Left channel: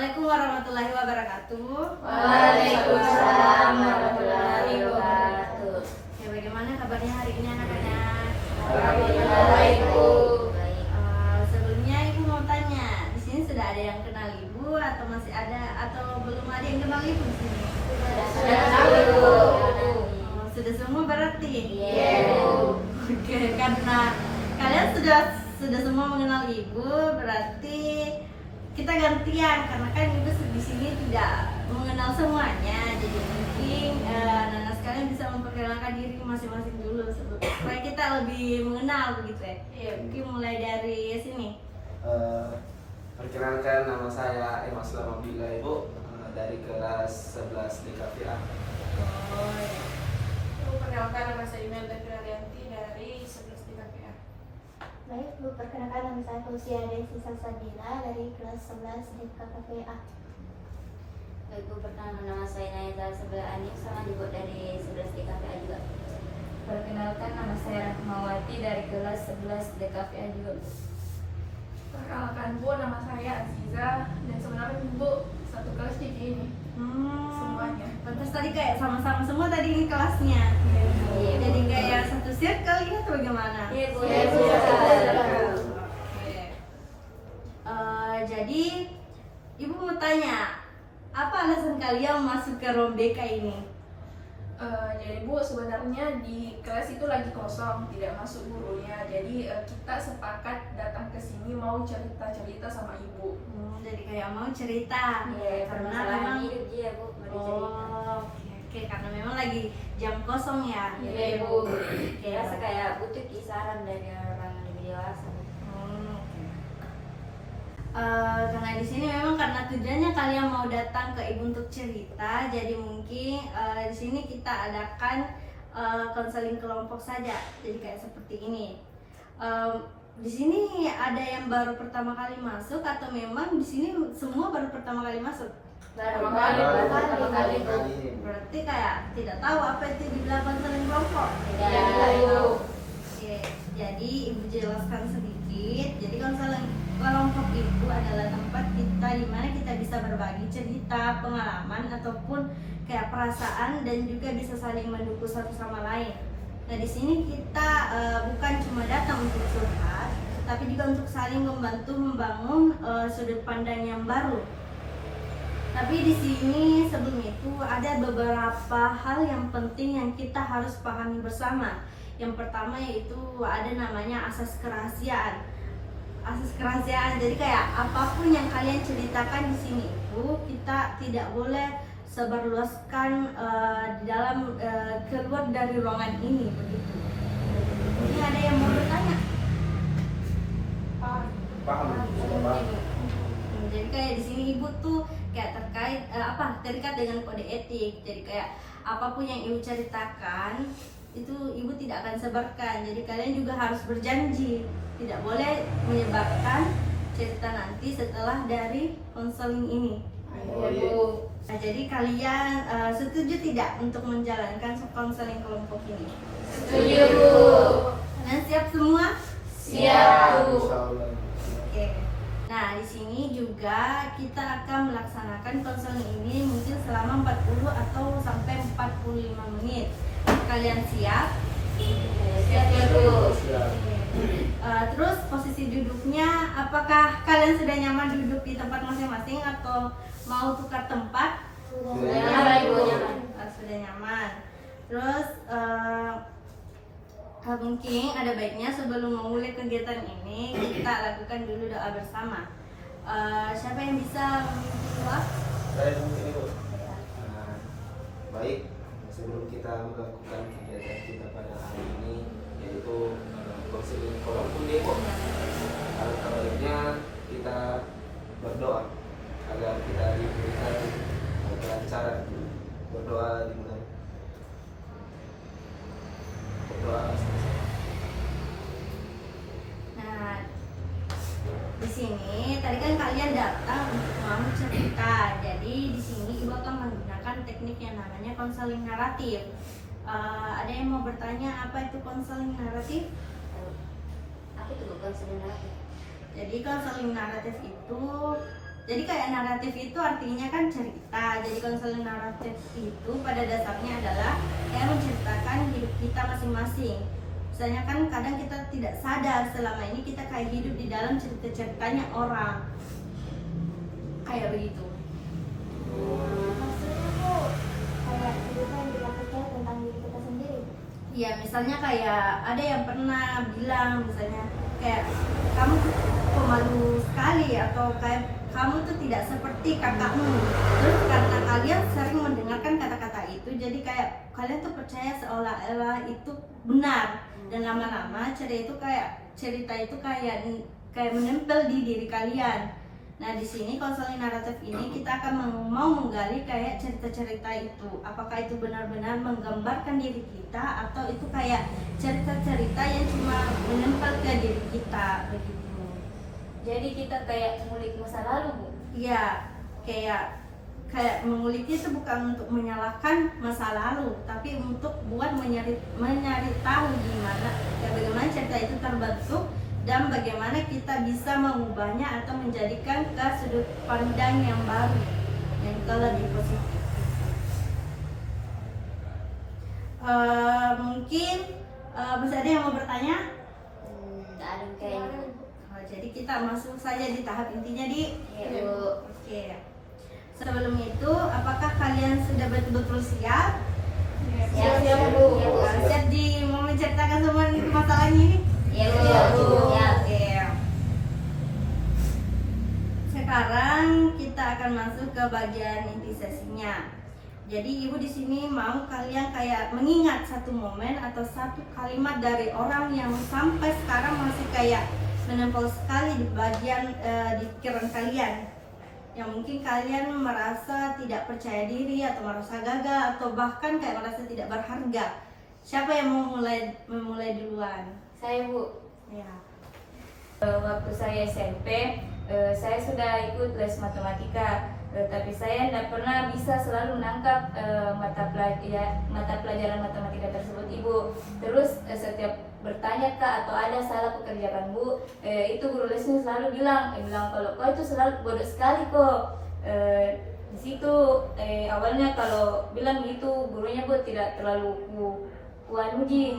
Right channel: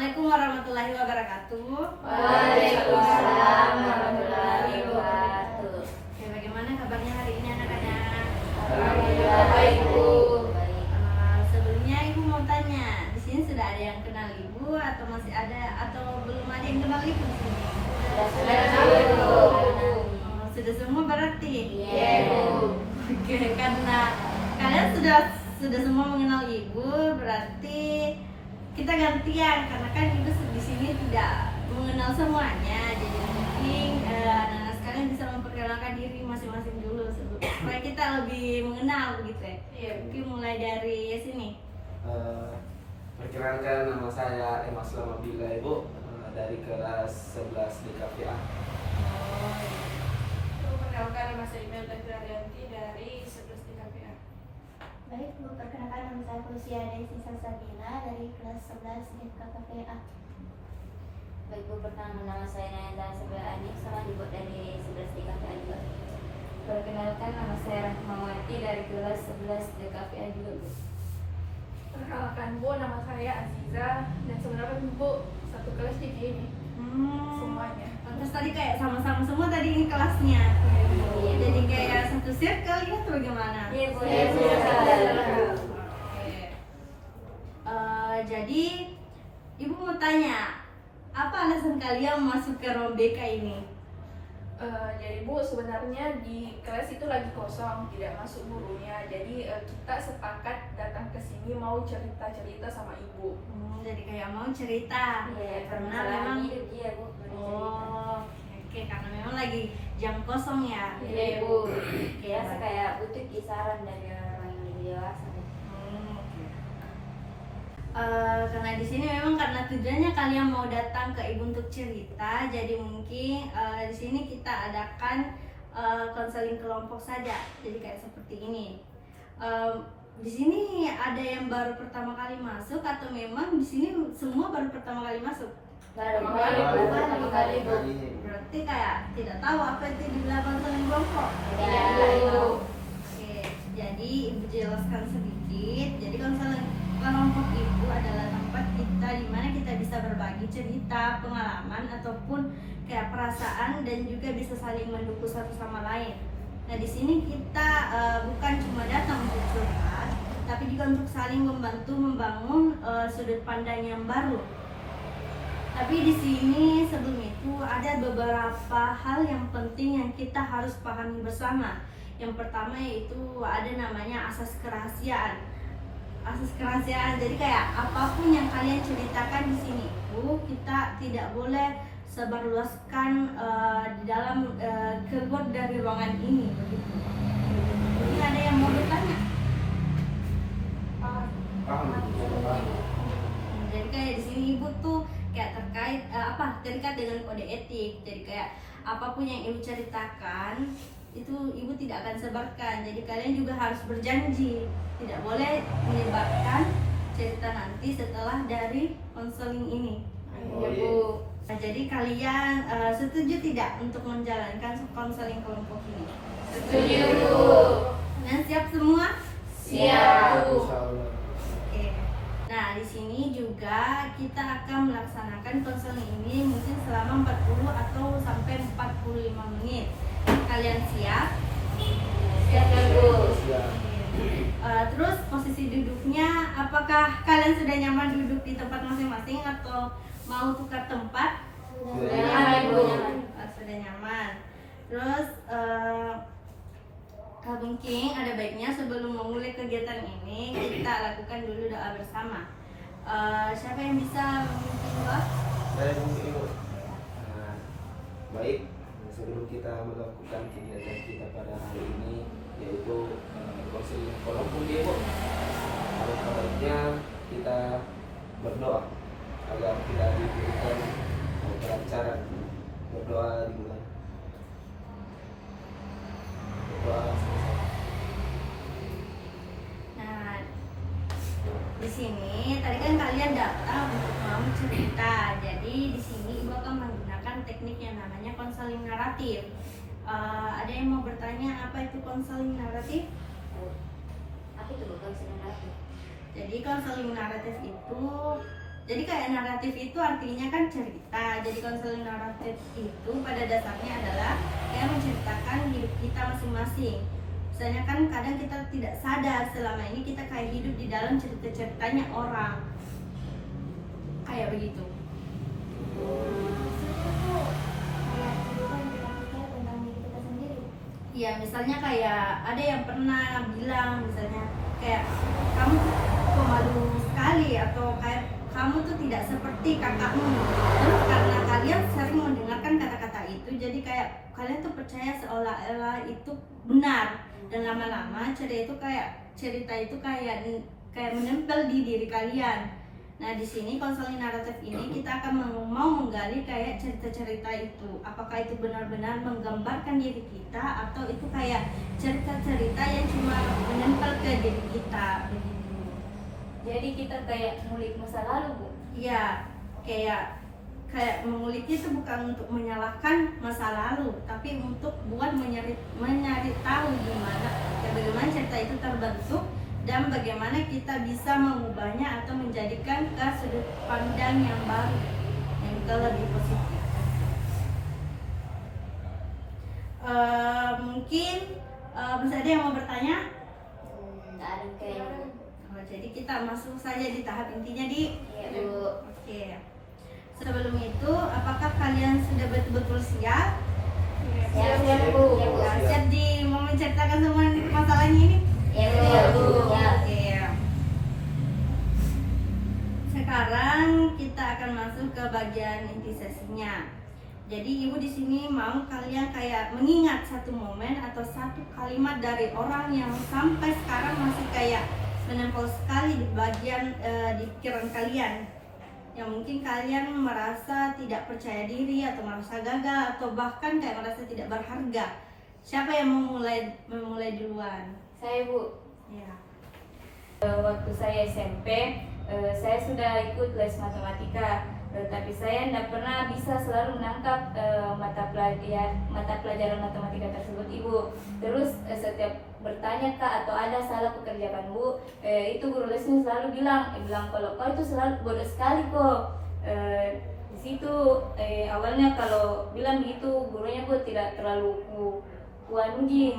Assalamualaikum warahmatullahi wabarakatuh. Waalaikumsalam warahmatullahi wabarakatuh. Ya, bagaimana kabarnya hari ini anak-anak? Alhamdulillah baik, Bu. Sebelumnya Ibu mau tanya, di sini sudah ada yang kenal Ibu atau masih ada atau belum ada yang kenal Ibu di sini? Sudah, Bu. Sudah semua berarti? Iya, Bu. Oke, karena kalian sudah semua mengenal Ibu, berarti kita gantian karena kan Ibu di sini tidak mengenal semuanya. Jadi mungkin anak-anak sekalian bisa memperkenalkan diri masing-masing dulu supaya kita lebih mengenal begitu ya. Iya. Mungkin mulai dari sini. Perkenalkan, nama saya Emas Lamabila, Ibu, dari kelas 11 DKPA. Oh ya. Perkenalkan, nama saya Imelda Firarianti dari 11 DKPA. Baik, Bu, perkenalkan nama saya Lucia Desi Salsabila dari kelas 11 DKPA. Baik, Bu, pertama nama saya Nayanda Sabila Anik, salah dibuat dari 11 DKPA juga. Perkenalkan, nama saya Rahmawati dari kelas 11 DKPA juga. Perkenalkan, Bu, nama saya Aziza dan sebenarnya Bu satu kelas di ini semuanya. Terus tadi kayak sama-sama semua tadi ini kelasnya. Iya, Bu. Jadi kayak satu circle ya atau bagaimana? Iya, Bu. Iya, Bu. Oke. Jadi Ibu mau tanya, apa alasan kalian masuk ke Rombeka ini? Jadi Bu, sebenarnya di kelas itu lagi kosong, tidak masuk gurunya. Jadi kita sepakat datang ke sini mau cerita-cerita sama Ibu. Jadi kayak mau cerita. Iya, Karena permasalahan memang hidup dia, Bu. Mau dicerita. oke, karena memang lagi jam kosong ya. Iya, Bu. Biasa kayak butuh kisaran dari orang dewasa. Karena di sini memang karena tujuannya kalian mau datang ke Ibu untuk cerita, jadi mungkin di sini kita adakan konseling kelompok saja. Jadi kayak seperti ini. Di sini ada yang baru pertama kali masuk atau memang di sini semua baru pertama kali masuk? Pertama kali. Berarti kayak tidak tahu apa itu dibilang konseling kelompok. Tidak tahu. Oke, jadi Ibu jelaskan sedikit. Jadi konseling kelompok itu adalah tempat kita di mana kita bisa berbagi cerita, pengalaman ataupun kayak perasaan dan juga bisa saling mendukung satu sama lain. Nah, di sini kita bukan cuma datang untuk curhat, tapi juga untuk saling membantu membangun sudut pandang yang baru. Tapi di sini sebelum itu ada beberapa hal yang penting yang kita harus pahami bersama. Yang pertama yaitu ada namanya asas kerahasiaan. Asas kerahasiaan. Jadi kayak apapun yang kalian ceritakan di sini itu kita tidak boleh sebarluaskan di dalam keluar dari ruangan ini begitu. Ini ada yang mau bertanya? Paham? Jadi kayak di sini Ibu tuh kayak terikat dengan kode etik. Jadi kayak apapun yang Ibu ceritakan itu Ibu tidak akan sebarkan. Jadi kalian juga harus berjanji tidak boleh menyebarkan cerita nanti setelah dari konseling ini. Oh, Ya, Bu. Nah, jadi kalian setuju tidak untuk menjalankan konseling kelompok ini? Setuju, Bu. Kalian siap semua? Siap, Bu. Insyaallah. Oke. Nah, di sini juga kita akan melaksanakan konseling ini mungkin selama 40 atau sampai 45 menit. Kalian siap? Siap, Bu. Siap. Terus posisi duduknya, apakah kalian sudah nyaman duduk di tempat masing-masing atau mau tukar tempat? Sudah nyaman, Bu. Sudah nyaman. Terus mungkin ada baiknya sebelum memulai kegiatan ini kita lakukan dulu doa bersama. Siapa yang bisa memimpin doa? Saya mungkin, Ibu. Baik, sebelum kita melakukan kegiatan kita pada hari ini, yaitu konseling kelompok, Ibu, alangkah baiknya kita berdoa agar kita diberikan kelancaran. Berdoa dimulai. Berdoa sama-sama. Nah, di sini tadi kan kalian datang untuk mau cerita. Jadi di sini Ibu akan menggunakan teknik yang namanya konseling naratif. Ada yang mau bertanya apa itu konseling naratif? Apa itu bukan sebenarnya? Jadi konseling naratif itu Jadi kayak naratif itu artinya kan cerita. Jadi konseling naratif itu pada dasarnya adalah kayak menceritakan hidup kita masing-masing. Misalnya kan kadang kita tidak sadar selama ini kita kayak hidup di dalam cerita-ceritanya orang. Kayak begitu. Maksudnya tuh kayak cerita yang kita percaya tentang diri kita sendiri. Iya, misalnya kayak ada yang pernah bilang misalnya kayak kamu tuh pemalu sekali atau kayak kamu tuh tidak seperti kakakmu. Terus karena kalian sering mendengarkan kata-kata itu, jadi kayak kalian tuh percaya seolah-olah itu benar. Dan lama-lama cerita itu kayak menempel di diri kalian. Nah, di sini konseling naratif ini kita akan mau menggali kayak cerita-cerita itu. Apakah itu benar-benar menggambarkan diri kita atau itu kayak cerita-cerita yang cuma menempel ke diri kita begitu. Jadi kita kayak ngulik masa lalu, Bu. Iya, kayak mengulik itu bukan untuk menyalahkan masa lalu, tapi untuk buat mencari tahu bagaimana cerita itu terbentuk dan bagaimana kita bisa mengubahnya atau menjadikan ke sudut pandang yang baru yang lebih positif. Mungkin masih ada yang mau bertanya? Tak ada kayaknya. Jadi kita masuk saja di tahap intinya di. Iya, Bu. Oke. Sebelum itu, apakah kalian sudah betul-betul siap? Siap, Bu. Siap mau menceritakan semua masalahnya ini? Iya, Bu. Ya. Oke. Sekarang kita akan masuk ke bagian inti sesinya. Jadi ibu di sini mau kalian kayak mengingat satu momen atau satu kalimat dari orang yang sampai sekarang masih kayak menempel sekali di bagian di pikiran kalian. Yang mungkin kalian merasa tidak percaya diri atau merasa gagal atau bahkan kayak merasa tidak berharga. Siapa yang mau memulai duluan? Saya, Bu. Ya. Waktu saya SMP, saya sudah ikut les matematika, tapi saya tidak pernah bisa selalu menangkap mata pelajaran matematika tersebut, Ibu. Terus setiap bertanya Kak atau ada salah pekerjaan Bu, itu guru lesnya selalu bilang kalau kau itu selalu bodoh sekali kok. Di situ awalnya kalau bilang gitu gurunya Bu tidak terlalu kuanuji.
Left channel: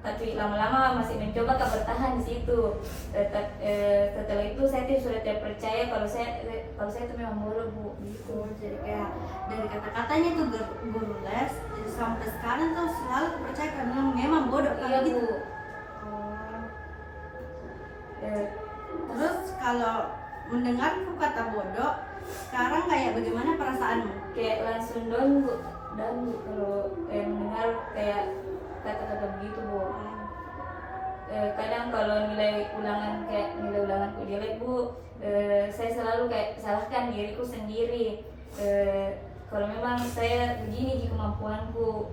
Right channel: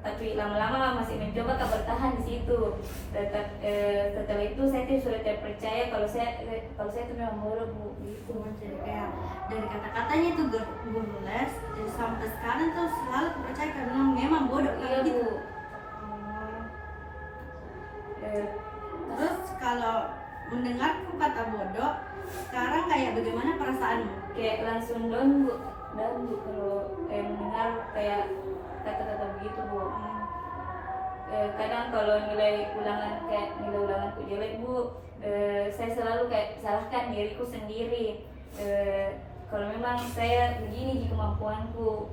Tapi lama-lama masih mencoba bertahan di situ. Setelah itu saya sudah tidak percaya kalau saya itu memang bodoh, Bu. Gitu. Jadi kayak dari kata-katanya tuh guru les sampai sekarang tuh selalu percaya karena memang bodoh Iya, gitu. Bu. Terus kalau mendengar kata bodoh, sekarang kayak bagaimana perasaanmu? Kayak langsung down, Bu. Kalau mendengar kayak kata-kata begitu, Bu. Kadang kalau nilai ulanganku jelek, Bu, saya selalu kayak salahkan diriku sendiri. Kalau memang saya begini di kemampuanku,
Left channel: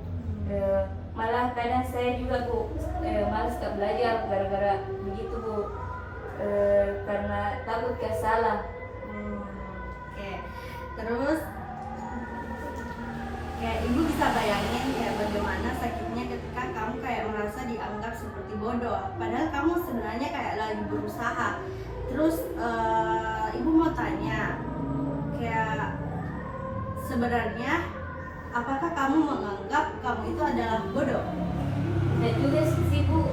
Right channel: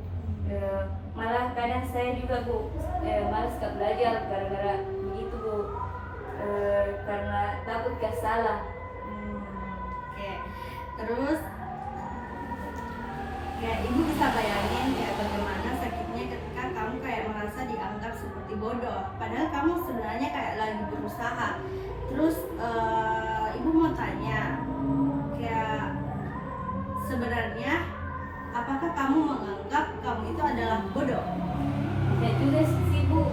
malah kadang saya juga, Bu, malas belajar gara-gara begitu, Bu. Karena takut salah. Oke. Terus ya ibu bisa bayangin kayak bagaimana sakitnya ketika kamu kayak merasa dianggap seperti bodoh padahal kamu sebenarnya kayak lagi berusaha. Terus ibu mau tanya kayak sebenarnya apakah kamu menganggap kamu itu adalah bodoh? Dan juga sih, Bu,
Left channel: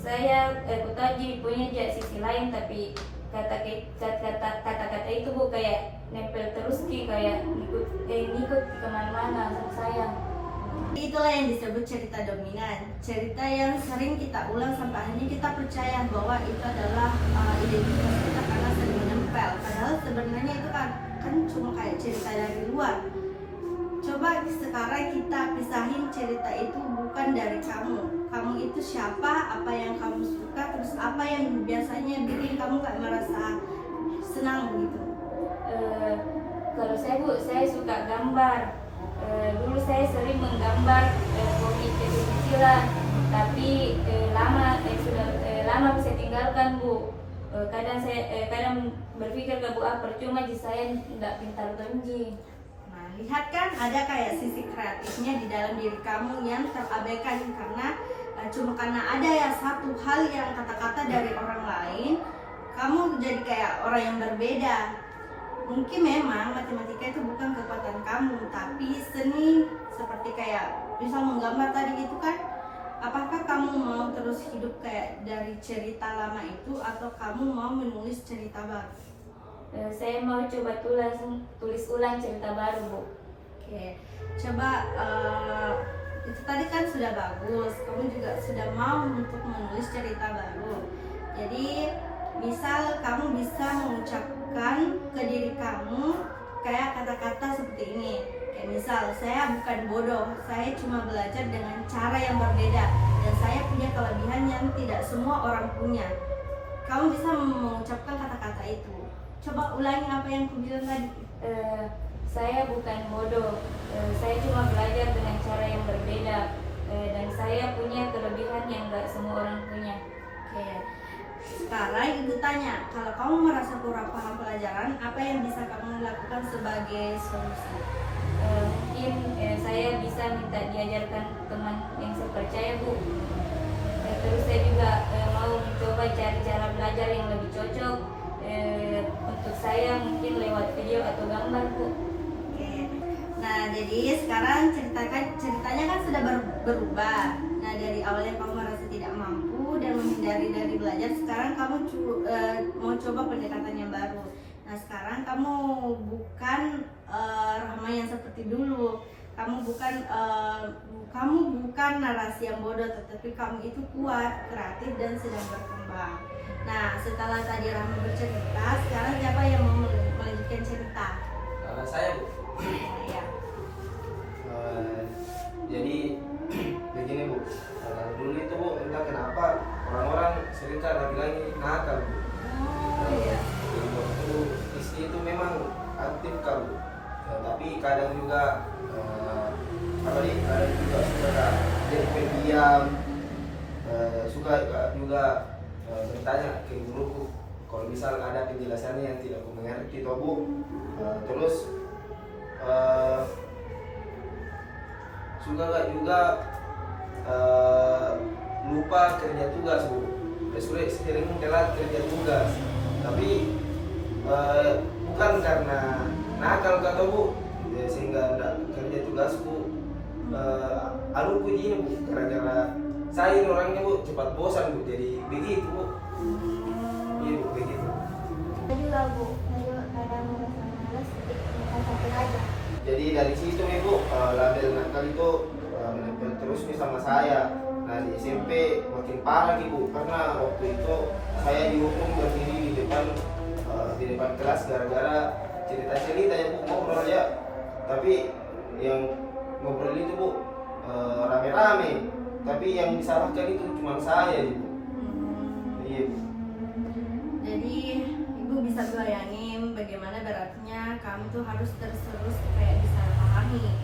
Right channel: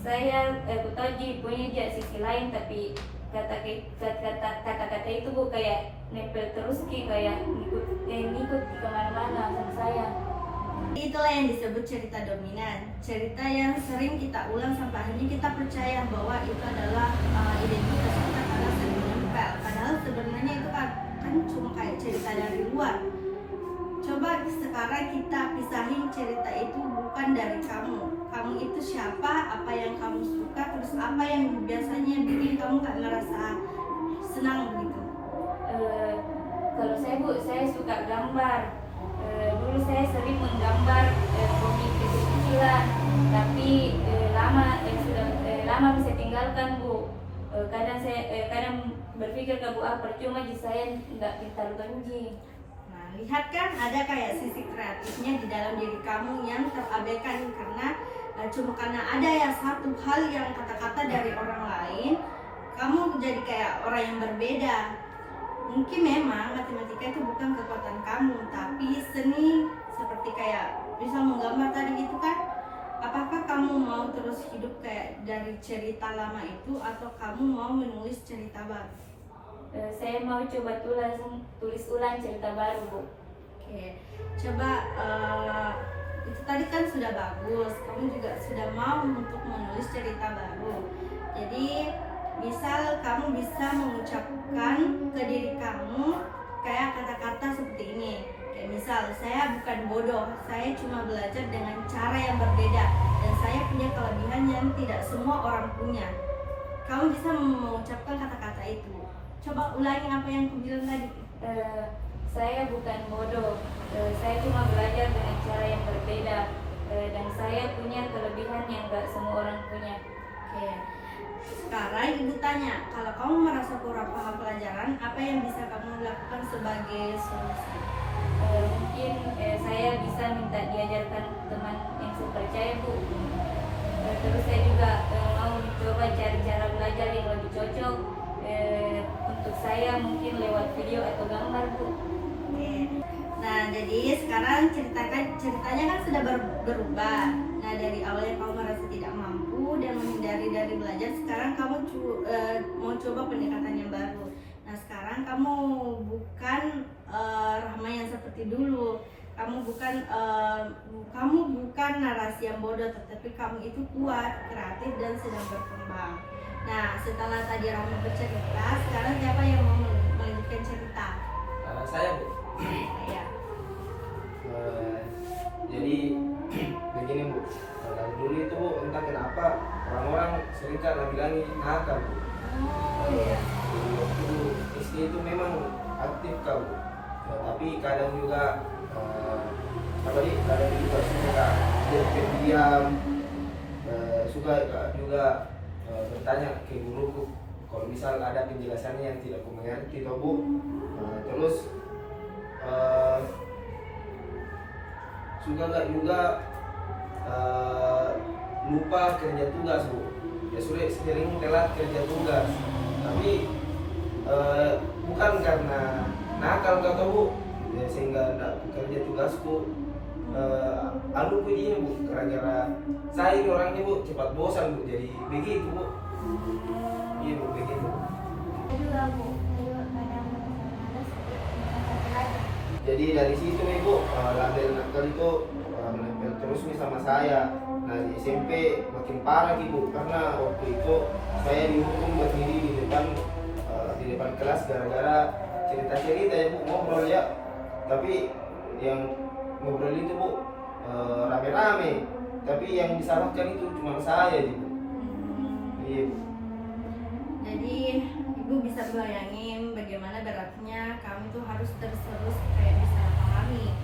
saya tahu punya sisi lain, tapi kata-kata itu, Bu, kayak nempel terus kayak ngikut kemana-mana sama saya. Itulah yang disebut cerita dominan, cerita yang sering kita ulang sampai akhirnya kita percaya bahwa itu adalah identitas kita karena sering menempel. Padahal sebenarnya itu kan cuma kayak cerita dari luar. Coba sekarang kita pisahin cerita itu bukan dari kamu. Kamu itu siapa, apa yang kamu suka, terus apa yang biasanya bikin kamu gak merasa senang gitu. Kalau saya, Bu, saya suka gambar. Dulu saya sering menggambar komik kecil-kecilan, tapi lama bisa tinggalkan, Bu. Kadang berpikir ke Bu, percuma saya tidak pintar tinggi. Nah, lihat kan ada kayak sisi kreatifnya di dalam diri kamu yang terabaikan karena cuma karena ada ya satu hal yang kata-kata dari orang lain kamu jadi kayak orang yang berbeda. Mungkin memang matematika itu bukan kekuatan kamu, tapi seni seperti kayak misal menggambar tadi itu kan, apakah kamu mau terus hidup kayak dari cerita lama itu atau kamu mau menulis cerita baru? Saya mau coba tulis ulang cerita baru, Bu. Oke, coba itu tadi kan sudah bagus, kamu juga sudah mau untuk menulis cerita baru. Jadi misal kamu bisa mengucapkan ke diri kamu kayak kata-kata seperti ini. Kayak misal, saya bukan bodoh, saya cuma belajar dengan cara yang berbeda dan saya punya kelebihan yang tidak semua orang punya. Kamu bisa mengucapkan kata-kata itu. Coba ulangi apa yang aku bilang tadi. Saya bukan bodoh, saya cuma belajar dengan cara yang berbeda, dan saya punya kelebihan yang gak semua orang punya. Oke. Sekarang ibu tanya, kalau kamu merasa kurang paham pelajaran, apa yang bisa kamu lakukan sebagai solusi? Mungkin saya bisa minta diajarkan teman yang saya percaya, Bu. Terus saya juga mau mencoba cari cara belajar yang lebih cocok untuk saya, mungkin lewat video atau gambar, Bu. Oke. Nah, jadi sekarang ceritanya kan sudah berubah. Nah, dari awal yang kamu merasa tidak mampu dan menghindari dari belajar, sekarang kamu mau coba pendekatan yang baru. Nah, sekarang kamu bukan Rahma yang seperti dulu. Kamu bukan narasi yang bodoh, tetapi kamu itu kuat, kreatif dan sedang berkembang. Nah, setelah tadi Rahma bercerita, sekarang siapa yang mau melanjutkan cerita? Saya, Bu. Ya. Jadi begini, Bu. Kalau dulu itu, Bu, entah kenapa orang-orang sering kan bilang nakal, Bu. Oh iya. Jadi waktu istri itu memang aktif kan, Bu. Tapi kadang juga kadang juga suka jadi pendiam, suka juga bertanya ke guruku kalau misal ada penjelasannya yang tidak aku mengerti, toh, Bu. Terus suka gak juga lupa kerja tugas, Bu. Sering telat kerja tugas, tapi bukan karena nakal kata, Bu, sehingga tidak kerja tugasku. Anuku ini, Bu, gara-gara saya ini orangnya, Bu, cepat bosan, Bu, jadi begitu, Bu. Iya, Bu, begitu. Saya juga, Bu, saya juga kadang merasa malas, bukan satu aja. Jadi dari situ nih, Bu, label nakal itu menempel terus nih sama saya. Nah, di SMP makin parah nih, Bu, karena waktu itu saya dihukum berdiri di depan kelas gara-gara cerita-cerita ya, Bu, ngobrol ya. Tapi yang ngobrol itu, Bu, rame-rame. Tapi yang disalahkan itu cuma saya, Bu. Iya, Bu. Jadi ibu bisa bayangin bagaimana beratnya kamu tuh harus terus kayak bisa pahami.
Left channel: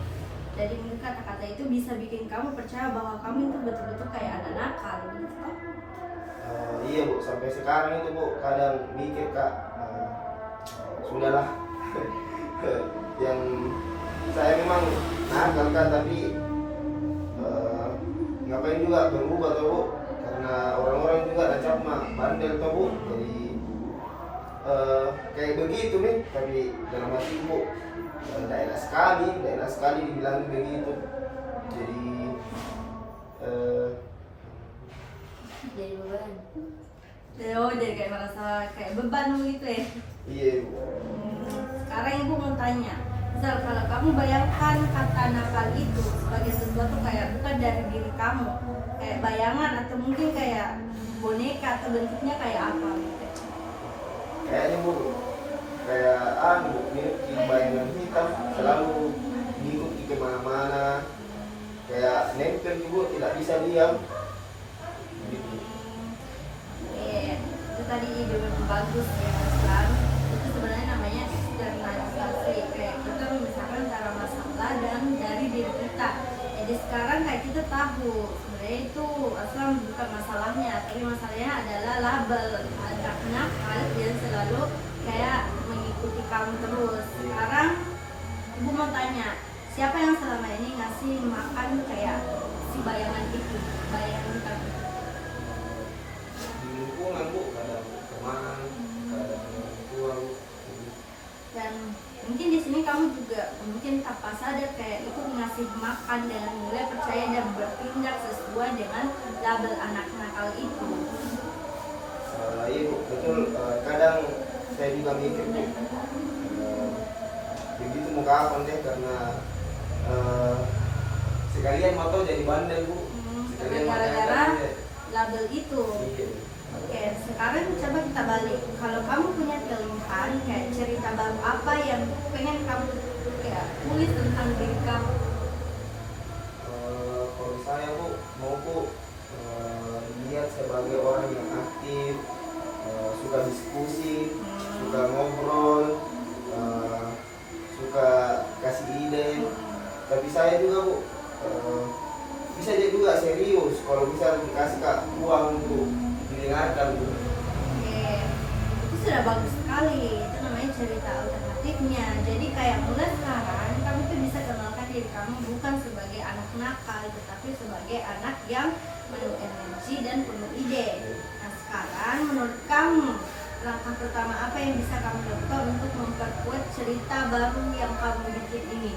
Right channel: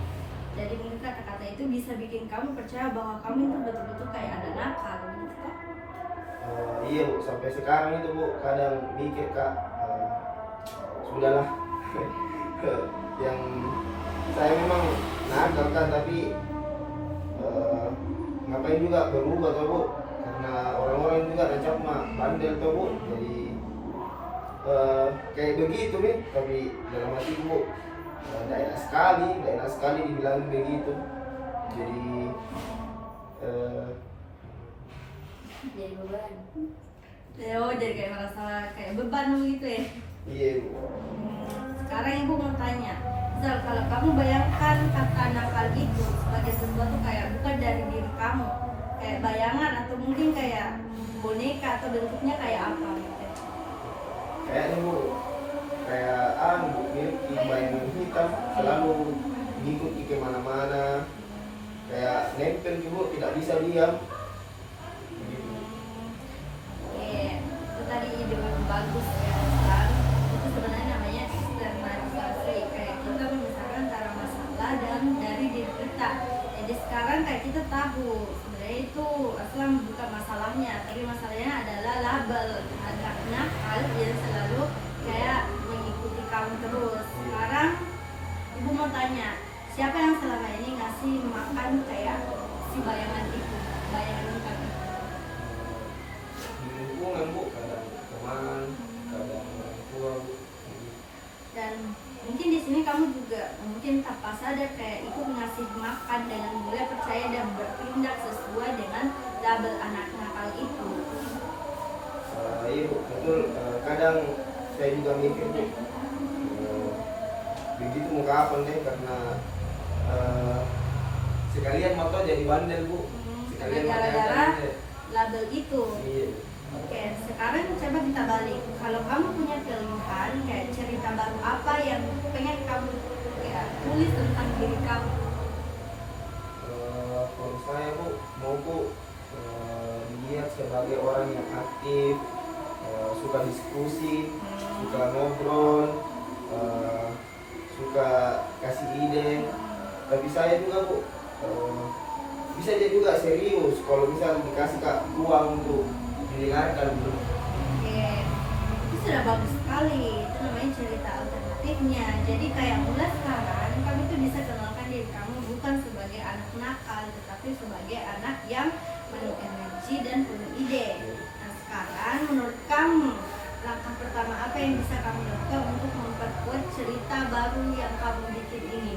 Jadi mungkin kata-kata itu bisa bikin kamu percaya bahwa kamu itu betul-betul kayak ada nakal, gitu. Iya, Bu, sampai sekarang itu, Bu, kadang mikir, Kak, sudahlah. Yang saya memang nakal kan, tapi ngapain juga berubah, toh, Bu, karena orang-orang juga nancap mah bandel, toh, Bu. Jadi kayak begitu nih, tapi dalam hati, Bu, tidak enak sekali dibilang begitu. Jadi beban. Oh, jadi kayak merasa kayak beban gitu ya. Iya, Bu. Sekarang ibu mau tanya, misal kalau kamu bayangkan kata nakal itu sebagai sesuatu kayak bukan dari diri kamu, kayak bayangan atau mungkin kayak boneka atau bentuknya kayak apa gitu? Kayaknya, Bu, kayak Bu, miliki baju yang hitam selalu mengikuti kemana-mana, kayak nempel, Bu, tidak bisa diam. Begitu. Oke, itu tadi ide bagus ya, kan? Itu sebenarnya namanya eksternalisasi, kayak kita memisahkan antara masalah dan dari diri kita. Jadi sekarang kayak kita tahu sebenarnya itu asal bukan masalahnya, tapi masalahnya adalah label anak nakal yang selalu kayak mengikuti kamu terus. Sekarang ibu mau tanya, siapa yang selama ini ngasih makan kayak si bayangan itu, bayangan kamu? Di lingkungan, Bu, kadang teman, keadaan orang tua Bu. Dan mungkin di sini kamu juga mungkin tanpa sadar kayak ikut ngasih makan dengan mulai percaya dan bertindak sesuai dengan label anak nakal itu. Iya Bu, betul. Kadang saya juga mikir Bu, begitu mau kapan deh, karena sekalian motor jadi bandel Bu, sekalian Gara-gara bandel. label itu. Iya. Oke, sekarang coba kita balik. Kalau kamu punya pilihan kayak cerita baru apa yang pengen kamu kayak tulis tentang diri kamu? Kalau saya Bu, mau Bu dilihat sebagai orang yang aktif, suka diskusi, suka ngobrol, suka kasih ide. Tapi saya juga Bu, bisa jadi juga serius kalau bisa dikasih uang untuk didengarkan Bu. Oke, itu sudah bagus sekali. Itu namanya cerita alternatifnya. Jadi kayak mulai sekarang kamu tuh bisa kenalkan diri kamu bukan sebagai anak nakal, tetapi sebagai anak yang penuh energi dan penuh ide. Nah sekarang menurut kamu langkah pertama apa yang bisa kamu lakukan untuk memperkuat cerita baru yang kamu bikin ini?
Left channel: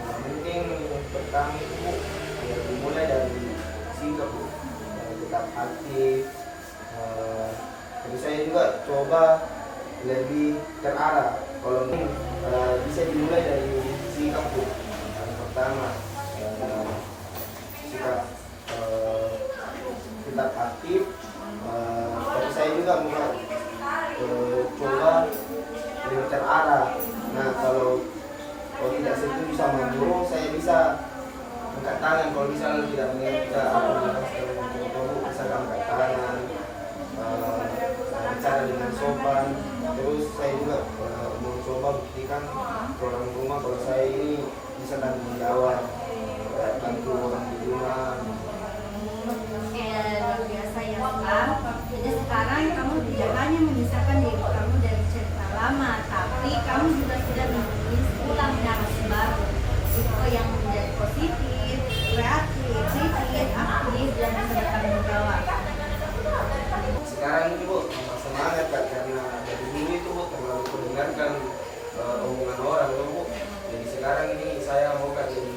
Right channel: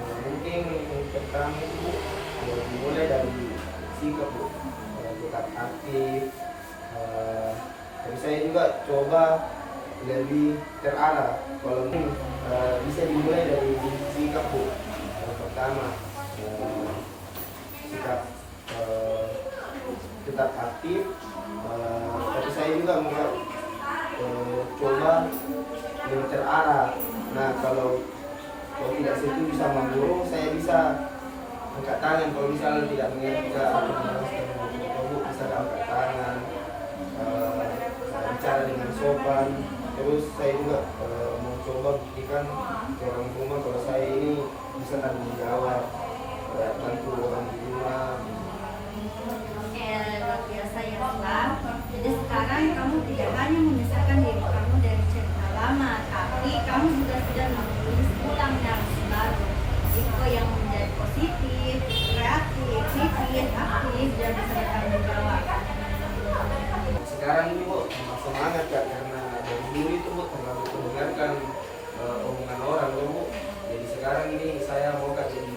Mungkin yang pertama itu Bu, dimulai dari sikap Bu, tetap aktif. Tapi saya juga coba lebih terarah. Kalau bisa dimulai dari sikap Bu. Yang pertama sikap tetap aktif. Tapi saya juga mau coba lebih terarah. Nah kalau tidak setuju sama guru, saya bisa angkat tangan. Kalau misalnya tidak mengerti apa namanya, bisa angkat tangan, bicara dengan sopan. Terus saya juga mau coba buktikan ke orang rumah kalau saya ini bisa tanggung jawab, bantu orang di rumah. Oke, luar biasa ya Bang. Jadi sekarang kamu tidak hanya memisahkan diri kamu dari cerita lama, tapi kamu juga sudah menulis ulang narasi baru. Itu yang menjadi positif, kreatif, kritis, aktif, dan bisa bertanggung jawab. Sekarang ini Bu, tambah semangat Kak, karena dari dulu itu Bu terlalu mendengarkan omongan orang Bu. Jadi sekarang ini saya mau Kak jadi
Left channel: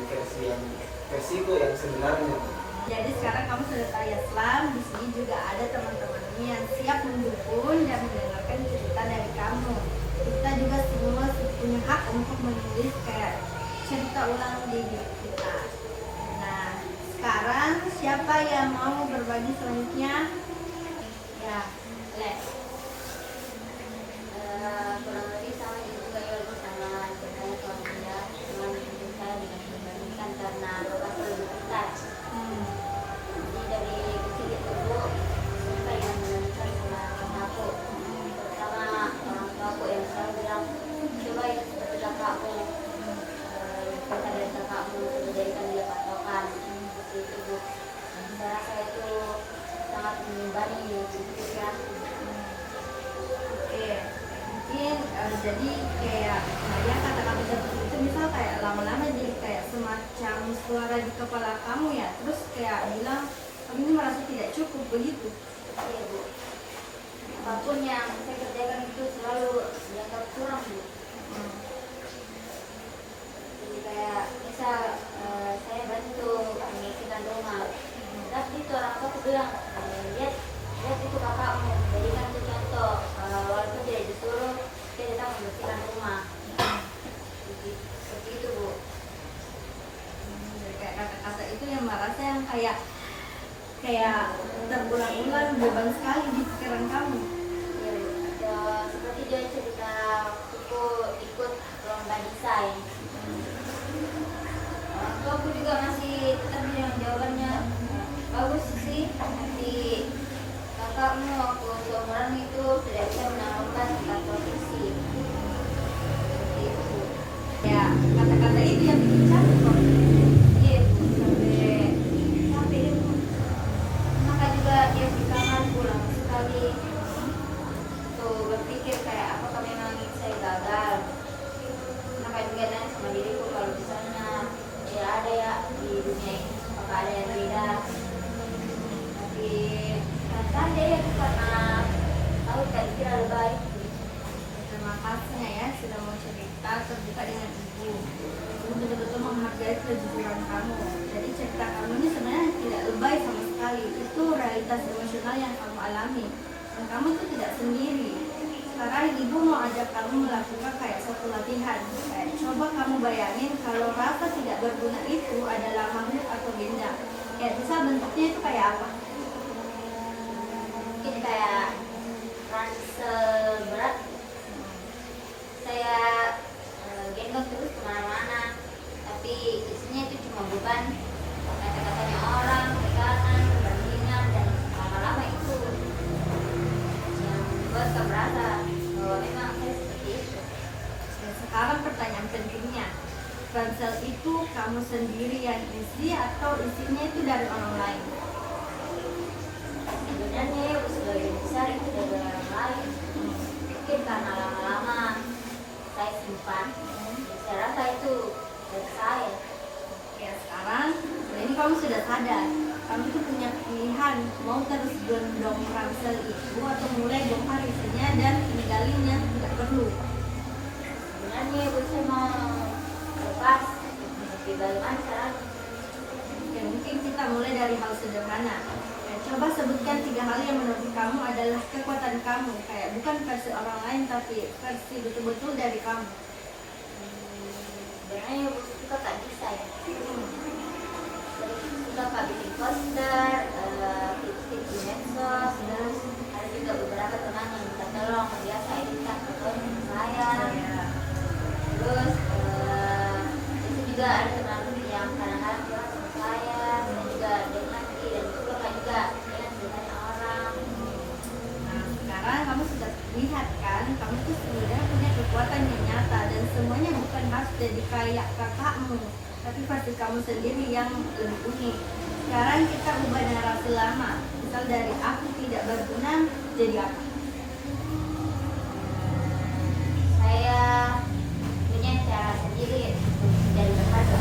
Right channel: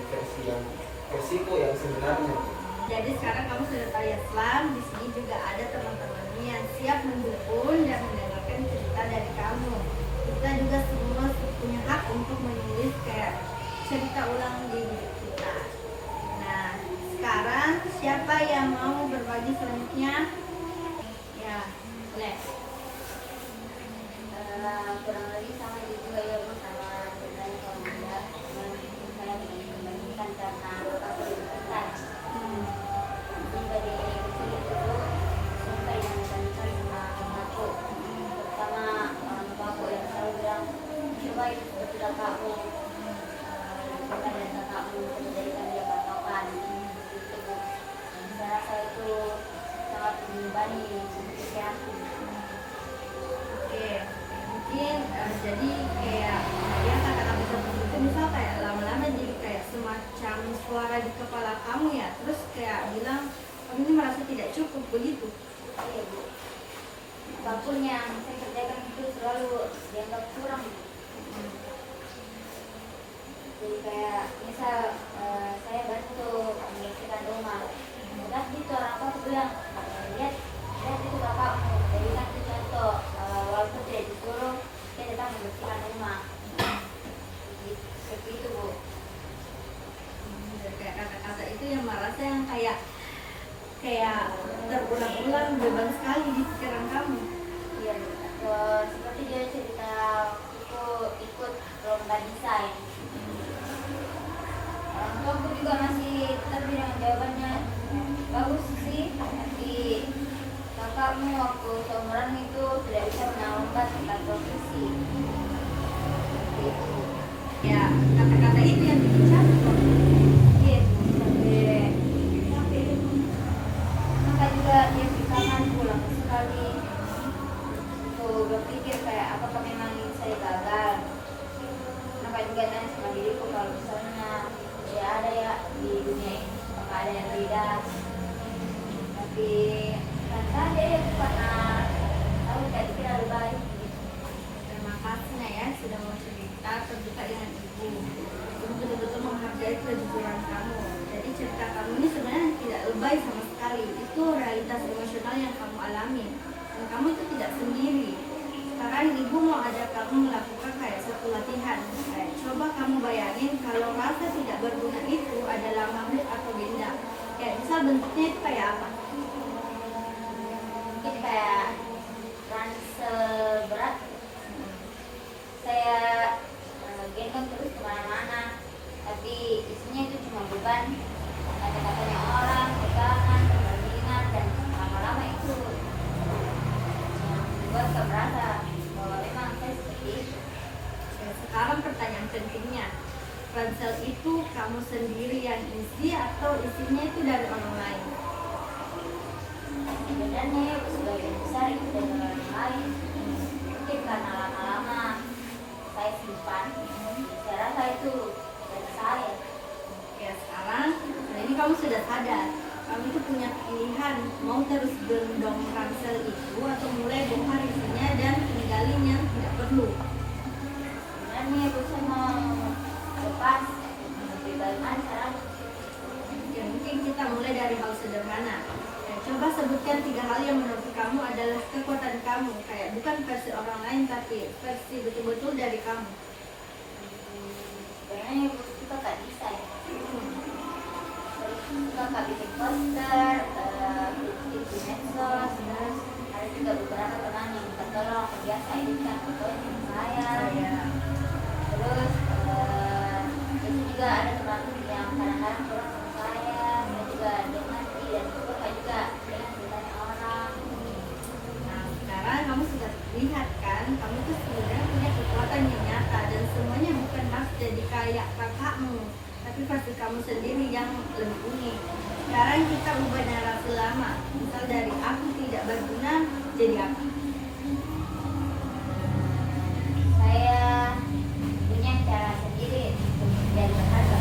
versiku yang sebenarnya. Jadi sekarang kamu sudah tahu ya Islam, di sini juga ada teman-temannya yang siap mendukung dan mendengarkan cerita dari kamu. Kita juga semua punya hak untuk menulis kayak cerita ulang di diri kita. Nah, sekarang siapa yang mau berbagi selanjutnya? Ya, Lex. Kurang lebih sama juga ya Bu, sama ceritanya kalau bunda, cuma kita dibandingkan karena aku lebih pintar. Jadi dari sini dulu sampai yang membandingkan sama orang aku, terutama orang tua aku yang selalu bilang coba itu seperti kakakmu, kita dan kakakmu terjadikan dia patokan seperti itu Bu. Saya rasa itu sangat mengimbangi pikiranku. Oke, mungkin jadi kayak Maria kata-kata seperti itu misal kayak lama-lama jadi kayak semacam suara di kepala kamu ya, terus kayak bilang kamu ini merasa tidak cukup begitu. Iya Bu, apapun yang saya kerjakan itu selalu dianggap kurang Bu. Jadi kayak misal saya bantu membersihkan rumah, tapi itu orang tua aku bilang lihat itu kakakmu, jadi kan itu contoh walaupun tidak disuruh dia tetap membersihkan rumah. Seperti itu Bu. Jadi kayak kata-kata itu yang merasa yang kayak terulang-ulang beban sekali di pikiran kamu. Iya Bu. Seperti dia cerita aku ikut lomba desain. Orang tua aku juga masih tetap bilang jawabannya bagus sih, tapi kakakmu waktu seumuran itu tidak bisa menawarkan tentang profesi. Seperti itu. Ya, kata-kata itu yang bikin capek loh. Iya Bu, sampai itu. Maka juga dia kapan pulang sekali. Tuh berpikir kayak apakah memang saya gagal. Maka juga nanya sama diriku kalau misalnya ya ada ya di dunia ini, apakah ada yang beda. Tapi kan jadi itu karena tahu tadi kira lebih baik. khasnya ya sudah mau cerita terbuka dengan ibu. Ibu betul-betul menghargai kejujuran kamu. Jadi cerita kamu ini sebenarnya tidak lebay sama sekali. Itu realitas emosional yang kamu alami. Dan kamu itu tidak sendiri. Sekarang ibu mau ajak kamu melakukan kayak satu latihan. Kayak coba kamu bayangin kalau rasa tidak berguna itu adalah magnet atau benda. Kayak misal bentuknya itu kayak apa? Mungkin kayak ransel berat. Saya gendong terus kemana-mana, tapi isinya itu cuma beban, kata-katanya orang, tekanan, perbandingan, dan lama-lama itu yang membuat saya merasa bahwa memang saya seperti itu. Dan sekarang pertanyaan pentingnya, ransel itu kamu sendiri yang isi atau isinya itu dari orang lain? Sebenarnya sebagian besar itu dari orang lain, mungkin karena lama-lama saya simpan, saya rasa itu dari saya. Ya sekarang, nah ini kamu sudah sadar, kamu itu punya pilihan mau terus gendong ransel itu atau mulai bongkar isinya dan tinggalin yang tidak perlu. Sebenarnya saya mau lepas, lebih baik mana? Ya mungkin kita mulai dari hal sederhana. Coba sebutkan 3 hal yang menurut kamu adalah kekuatan kamu. Kayak bukan versi orang lain tapi versi betul-betul dari kamu. Sebenarnya suka tak bisa ya. Suka tak bikin poster, bikin medsos, terus ada juga beberapa teman yang minta tolong biasa editan fotonya saya. Terus itu juga ada teman yang kadang-kadang bilang sama saya, dan juga dengan dan suka juga dengan ceritanya orang. Nah sekarang kamu sudah lihat kan, kamu itu sebenarnya punya kekuatan yang nyata dan semuanya bukan harus jadi kayak kakakmu, tapi versi kamu sendiri yang lebih unik. Sekarang kita ubah dengan rasa lama, misal dari aku tidak berguna jadi apa? Saya punya cara sendiri untuk menjadi berharga.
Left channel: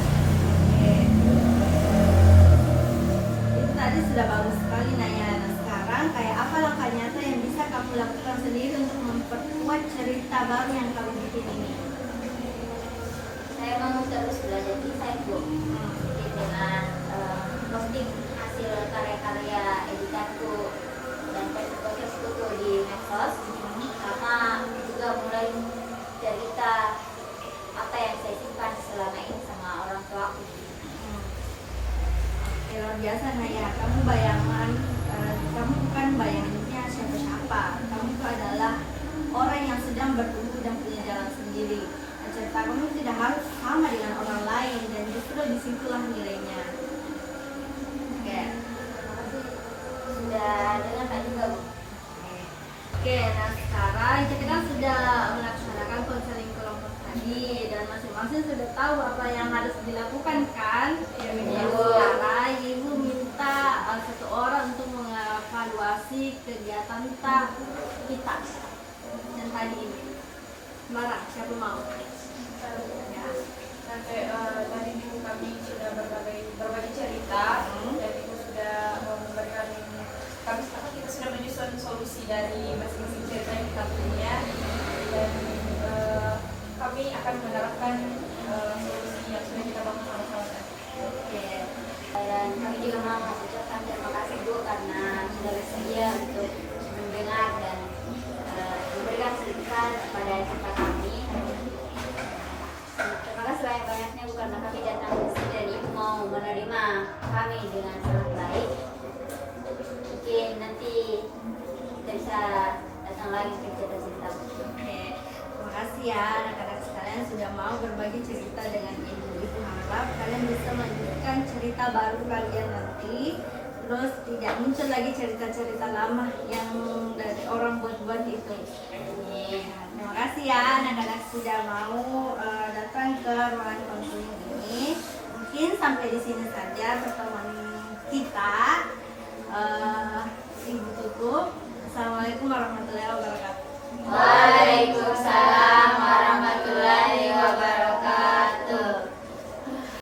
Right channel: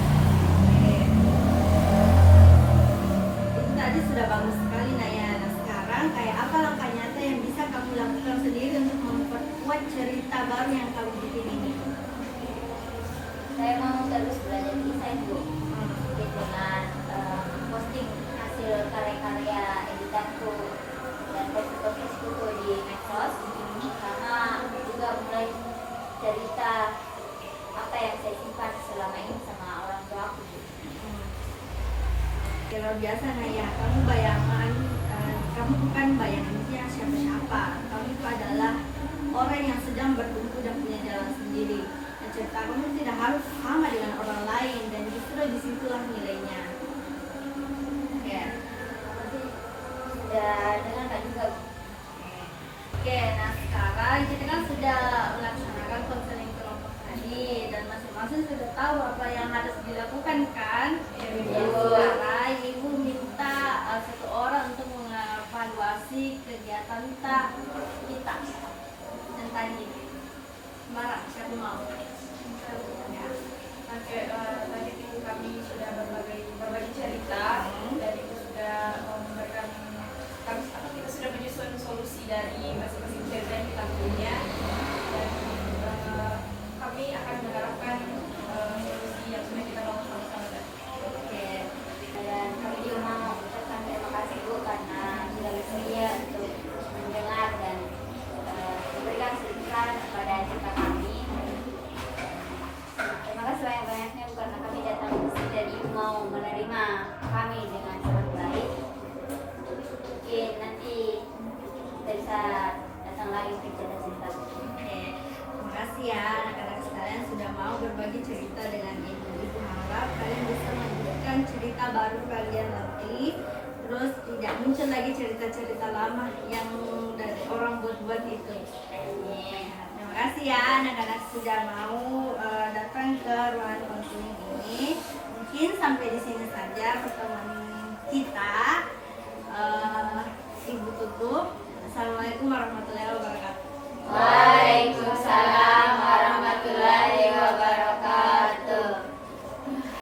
Itu tadi sudah bagus sekali Naya. Nah sekarang kayak apa langkah nyata yang bisa kamu lakukan sendiri untuk memperkuat cerita baru yang kamu bikin ini? Saya mau terus belajar desain Bu, dengan posting hasil karya-karya editanku dan post-postku di medsos, sama juga mulai cerita apa yang saya simpan selama ini sama orang tua aku. Luar biasa Naya, kamu bayangan, kamu bukan bayangannya siapa-siapa. Kamu itu adalah orang yang sedang bertumbuh dan punya jalan sendiri. Dan cerita kamu tidak harus sama dengan orang lain dan justru disitulah nilainya. Ya. Sudah dengar tak juga Bu? Oke, nah sekarang kita kan sudah melaksanakan konseling kelompok tadi dan masing-masing sudah tahu apa yang harus dilakukan kan? Iya, Bu. Sekarang ibu minta satu orang untuk mengevaluasi kegiatan kita dan tadi ini. Sembarang, siapa mau? Ya. Oke, tadi ibu kami sudah berbagi cerita dan ibu sudah memberikan kita sudah menyusun solusi dari masing-masing cerita yang kita punya dan kami akan menerapkan solusi yang sudah kita bangun sama-sama tadi. Oke. Dan kami juga mau ucapkan terima kasih Bu karena sudah bersedia untuk mendengar dan memberikan sedikit kepada cerita kami. Terima kasih banyak-banyaknya Bu karena kami datang ke sini dan Ibu mau menerima kami dengan sangat baik. Mungkin nanti kita bisa datang lagi ke cerita-cerita. Oke, terima kasih ya anak-anak sekalian sudah mau berbagi cerita dengan ibu. Ibu harap kalian bisa melanjutkan cerita baru kalian nanti. Terus tidak muncul lagi cerita-cerita lama yang dari orang buat-buat itu. Terima kasih ya anak-anak sudah mau datang ke ruangan konseling ini. Mungkin sampai di sini saja pertemuan kita. Ibu tutup. Assalamualaikum warahmatullahi wabarakatuh.